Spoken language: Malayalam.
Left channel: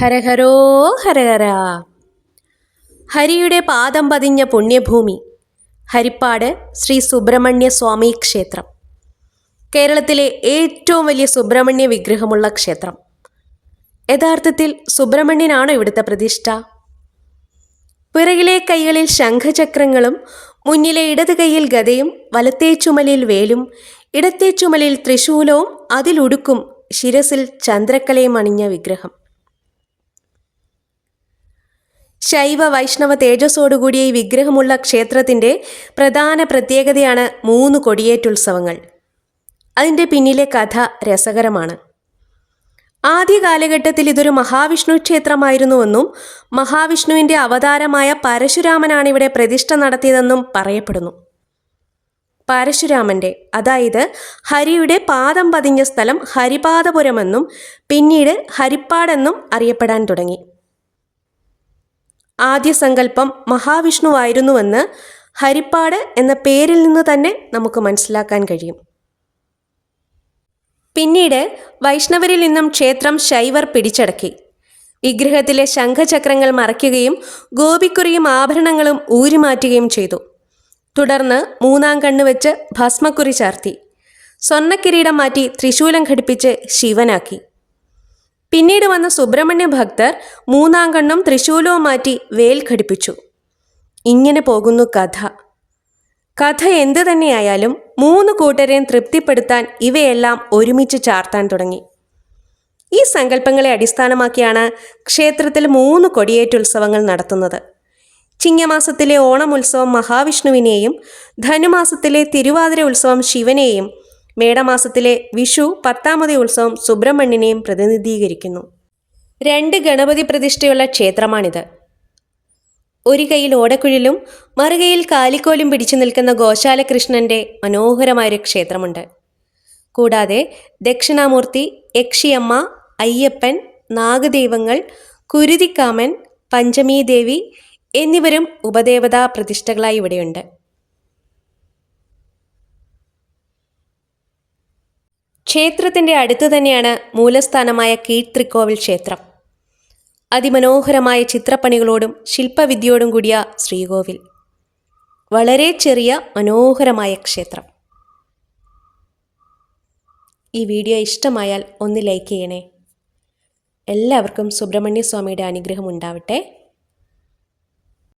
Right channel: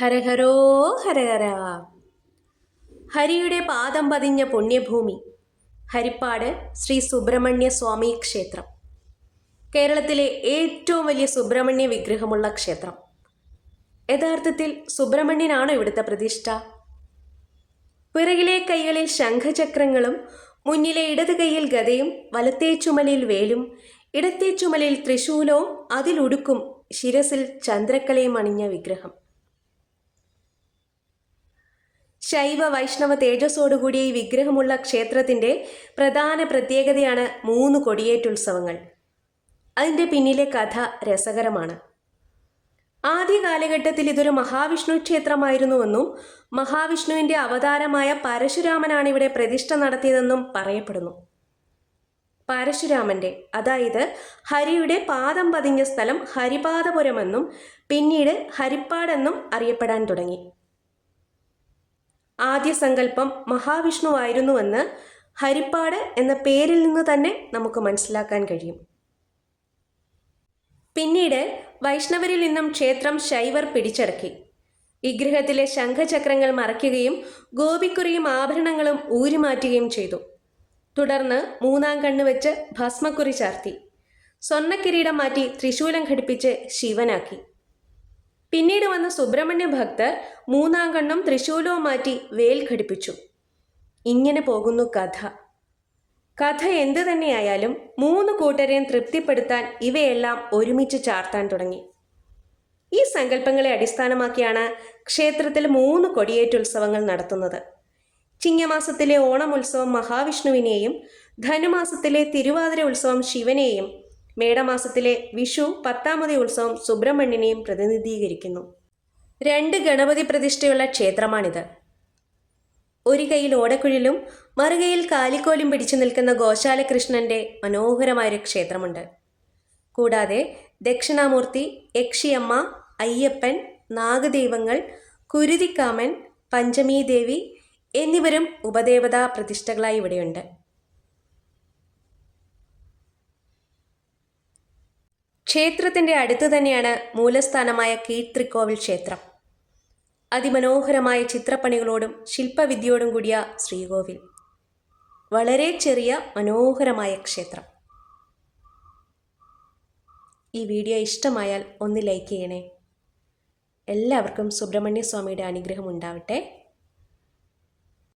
ഹരഹരോ ഹരഹര. ഹരിയുടെ പാദം പതിഞ്ഞ പുണ്യഭൂമി. ഹരിപ്പാട് ശ്രീ സുബ്രഹ്മണ്യ സ്വാമി ക്ഷേത്രം. കേരളത്തിലെ ഏറ്റവും വലിയ സുബ്രഹ്മണ്യ വിഗ്രഹമുള്ള ക്ഷേത്രം. യഥാർത്ഥത്തിൽ സുബ്രഹ്മണ്യനാണോ ഇവിടുത്തെ പ്രതിഷ്ഠ? പിറകിലെ കൈകളിൽ ശംഖചക്രങ്ങളും മുന്നിലെ ഇടത് കൈയിൽ ഗതയും വലത്തേ ചുമലിൽ വേലും ഇടത്തേ ചുമലിൽ ത്രിശൂലവും അതിലുടുക്കും ശിരസിൽ ചന്ദ്രക്കലയും അണിഞ്ഞ വിഗ്രഹം. ശൈവ വൈഷ്ണവ തേജസ്സോടുകൂടിയ ഈ വിഗ്രഹമുള്ള ക്ഷേത്രത്തിന്റെ പ്രധാന പ്രത്യേകതയാണ് മൂന്ന് കൊടിയേറ്റുത്സവങ്ങൾ. അതിന്റെ പിന്നിലെ കഥ രസകരമാണ്. ആദ്യ കാലഘട്ടത്തിൽ ഇതൊരു മഹാവിഷ്ണു ക്ഷേത്രമായിരുന്നുവെന്നും മഹാവിഷ്ണുവിന്റെ അവതാരമായ പരശുരാമനാണ് ഇവിടെ പ്രതിഷ്ഠ നടത്തിയതെന്നും പറയപ്പെടുന്നു. പരശുരാമന്റെ അതായത് ഹരിയുടെ പാദം പതിഞ്ഞ സ്ഥലം ഹരിപാദപുരമെന്നും പിന്നീട് ഹരിപ്പാടെന്നും അറിയപ്പെടാൻ തുടങ്ങി. ആദ്യ സങ്കല്പം മഹാവിഷ്ണുവായിരുന്നുവെന്ന് ഹരിപ്പാട് എന്ന പേരിൽ നിന്ന് തന്നെ നമുക്ക് മനസ്സിലാക്കാൻ കഴിയും. പിന്നീട് വൈഷ്ണവരിൽ നിന്നും ക്ഷേത്രം ശൈവർ പിടിച്ചടക്കി. വിഗ്രഹത്തിലെ ശംഖചക്രങ്ങൾ മറയ്ക്കുകയും ഗോപിക്കുറിയും ആഭരണങ്ങളും ഊരിമാറ്റുകയും ചെയ്തു. തുടർന്ന് മൂന്നാം കണ്ണ് വെച്ച് ഭസ്മക്കുറി ചാർത്തി. സ്വർണക്കിരീടം മാറ്റി ത്രിശൂലം ഘടിപ്പിച്ച് ശിവനാക്കി. പിന്നീട് വന്ന സുബ്രഹ്മണ്യ ഭക്തർ മൂന്നാം കണ്ണും ത്രിശൂലവും മാറ്റി വേൽ ഘടിപ്പിച്ചു. ഇങ്ങനെ പോകുന്നു കഥ. കഥ എന്തു തന്നെയായാലും മൂന്ന് കൂട്ടരെയും തൃപ്തിപ്പെടുത്താൻ ഇവയെല്ലാം ഒരുമിച്ച് ചാർത്താൻ തുടങ്ങി. ഈ സങ്കല്പങ്ങളെ അടിസ്ഥാനമാക്കിയാണ് ക്ഷേത്രത്തിൽ മൂന്ന് കൊടിയേറ്റുത്സവങ്ങൾ നടത്തുന്നത്. ചിങ്ങമാസത്തിലെ ഓണം ഉത്സവം മഹാവിഷ്ണുവിനെയും ധനുമാസത്തിലെ തിരുവാതിര ഉത്സവം ശിവനെയും മേടമാസത്തിലെ വിഷു പത്താമതി ഉത്സവം സുബ്രഹ്മണ്യനെയും പ്രതിനിധീകരിക്കുന്നു. രണ്ട് ഗണപതി പ്രതിഷ്ഠയുള്ള ക്ഷേത്രമാണിത്. ഒരു കൈയിൽ ഓടക്കുഴലും മറുകൈയിൽ കാലിക്കോലും പിടിച്ചു നിൽക്കുന്ന ഗോശാലകൃഷ്ണന്റെ മനോഹരമായൊരു ക്ഷേത്രമുണ്ട്. കൂടാതെ ദക്ഷിണാമൂർത്തി യക്ഷിയമ്മ അയ്യപ്പൻ നാഗദൈവങ്ങൾ കുരുതിക്കാമൻ പഞ്ചമീ ദേവി എന്നിവരും ഉപദേവതാ പ്രതിഷ്ഠകളായി ഇവിടെയുണ്ട്. ക്ഷേത്രത്തിന്റെ അടുത്ത് തന്നെയാണ് മൂലസ്ഥാനമായ കീഴ്ത്രിക്കോവിൽ ക്ഷേത്രം. അതിമനോഹരമായ ചിത്രപ്പണികളോടും ശില്പവിദ്യയോടും കൂടിയ ശ്രീകോവിൽ. വളരെ ചെറിയ മനോഹരമായ ക്ഷേത്രം. ഈ വീഡിയോ ഇഷ്ടമായാൽ ഒന്ന് ലൈക്ക് ചെയ്യണേ. എല്ലാവർക്കും സുബ്രഹ്മണ്യ സ്വാമിയുടെ അനുഗ്രഹം ഉണ്ടാവട്ടെ.